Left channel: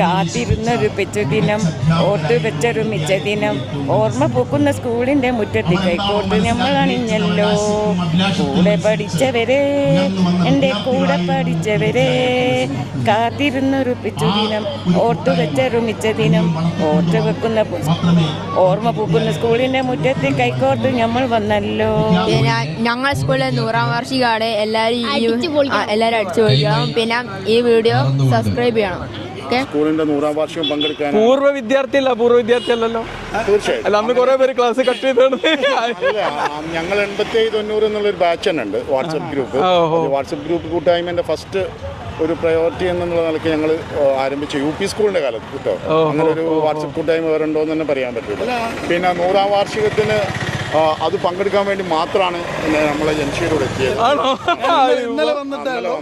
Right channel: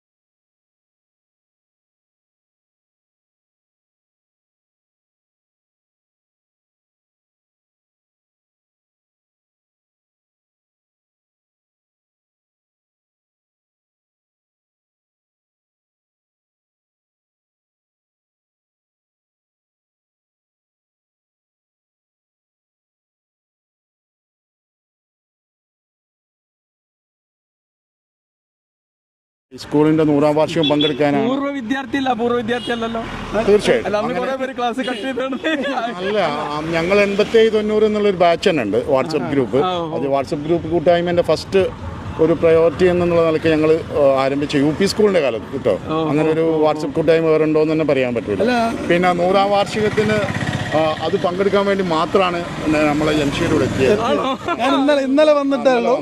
കാത്തിരുന്നൊരു പെച്ചുദിനം, ഓർത്തു വെച്ചൊരു മിച്ചദിനം, ഓർമ്മ പൂക്കുന്ന സ്കൂളിന്റെ മുറ്റത്ത് കൈക്കോർത്ത് നമ്മൾ അണിഞ്ഞല്ലോ. കൂടെ പഠിച്ചവരെ, എൻ്റെ കൂടെ പഠിച്ചവരെ, കാത്തിരുന്നൊരു പെച്ചുദിനം, ഓർത്തു വെച്ചൊരു മിച്ചദിനം, ഓർമ്മ പൂക്കുന്ന സ്കൂളിന്റെ മുറ്റത്ത് കൈക്കോർത്ത് നമ്മൾ വന്നല്ലോ. ഞങ്ങളുടെ സ്കൂളിലെ 100ാം വാർഷികമാണ്. എല്ലാവരും അടിച്ചു പൊളിക്കണം. പിന്നെ ഈ വീഡിയോ സബ്സ്ക്രൈബ് ചെയ്യണം. സ്കൂളിന്റെ 100ാം വാർഷികം പങ്കെടുക്കാൻ പൂർവ്വ വിദ്യാർത്ഥി അല്ലല്ലോ. തീർച്ചയായും അല്ല, അന്ന് കുറെ പേര് ക്ലാസ് കട്ട് ചെയ്താണ്. ഞങ്ങൾ 87-90 എന്നുള്ളൊരു ബാച്ച് തന്നെ ഉണ്ട്, വാട്സപ്പ് ഗ്രൂപ്പ്. വാട്സപ്പ് ഗ്രൂപ്പ് കൂട്ടായ്മന്റെ ഫസ്റ്റ് ഒരു പ്രയോറിറ്റി എന്നുള്ള നിലയ്ക്ക് ഞങ്ങൾ ആരംഭിച്ച UP സ്കൂളിന്റെ കാലത്ത് കേട്ടോ. അങ്ങനെ ഒരു വാട്സപ്പ് കൂട്ടായ്മ വേറുണ്ടോ എന്ന് തന്നെ പറയാൻ പറ്റില്ല. പിന്നെ 100ാം വാർഷികത്തിന് അത് പങ്കെടുക്കാൻ വേണ്ടി മാത്രമാണ് നമ്മളെ ജംഷീദോട് എത്തിയത്. ഇന്നലെ വന്നിട്ടാണല്ലോ.